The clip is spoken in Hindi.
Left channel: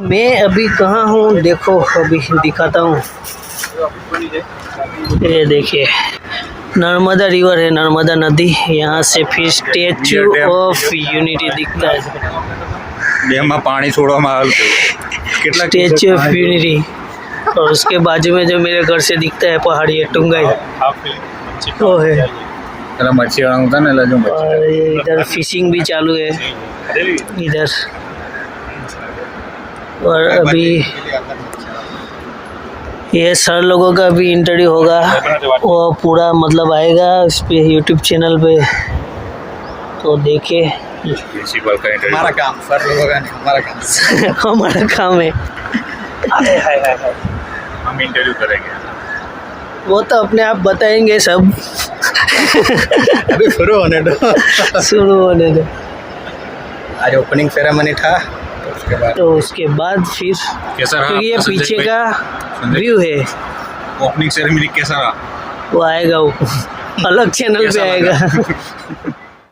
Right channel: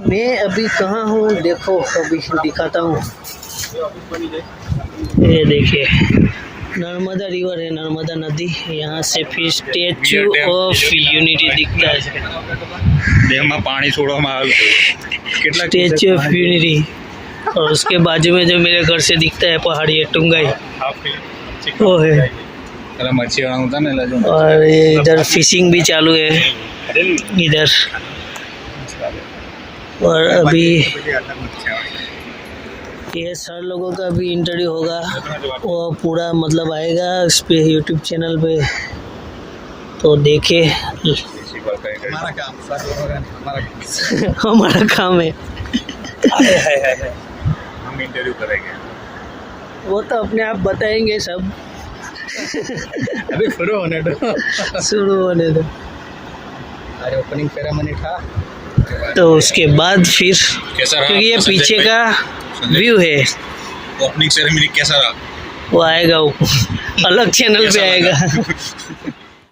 मैं अभी कहाँ हूँ देखो, अभी दिखाता हूँ। ये देखिए नर्मदा रिवर है, नर्मदा नदी। यहाँ से फिर स्टेच्यू ऑफ यूनिटी दिखता है। ડેમમાં પાણી છોડવામાં આવેલું स्टेच्यू ऑफ यूनिटी, और उसके बाजू में जो मेरे घर से दिखता है पहाड़ी है टुंगाई, वो है। પેલા મચ્છીવાળા હતા ને એટલે જો और ये इधर फिशिंग भी चालू है इधर। और अभी ये सर लोगों का भी इंटरव्यू होगा, वो पूरा मतलब आएगा इस पे यूट्यूब चैनल पे, तो देखिए। પ્રિન્સિપલ का इंटरव्यू हमारा काम सर लोगों का नहीं, हमारा काम। हमारा काम है, हम इंटरव्यू करेंगे। वो तो अपने आप बताएंगे सब। अभी शुरू होने दो। शुरू होने दो, आज ओपनिंग सेरेमनी था, तो उसके बाद फिर कैसा रहा क्योंकि ये आपका पीछे संजय का संजय व्यू है, ओपनिंग सेरेमनी कैसा रहा? वो आएगा, वो अलग चैनल पे कैसा आएगा। लगा?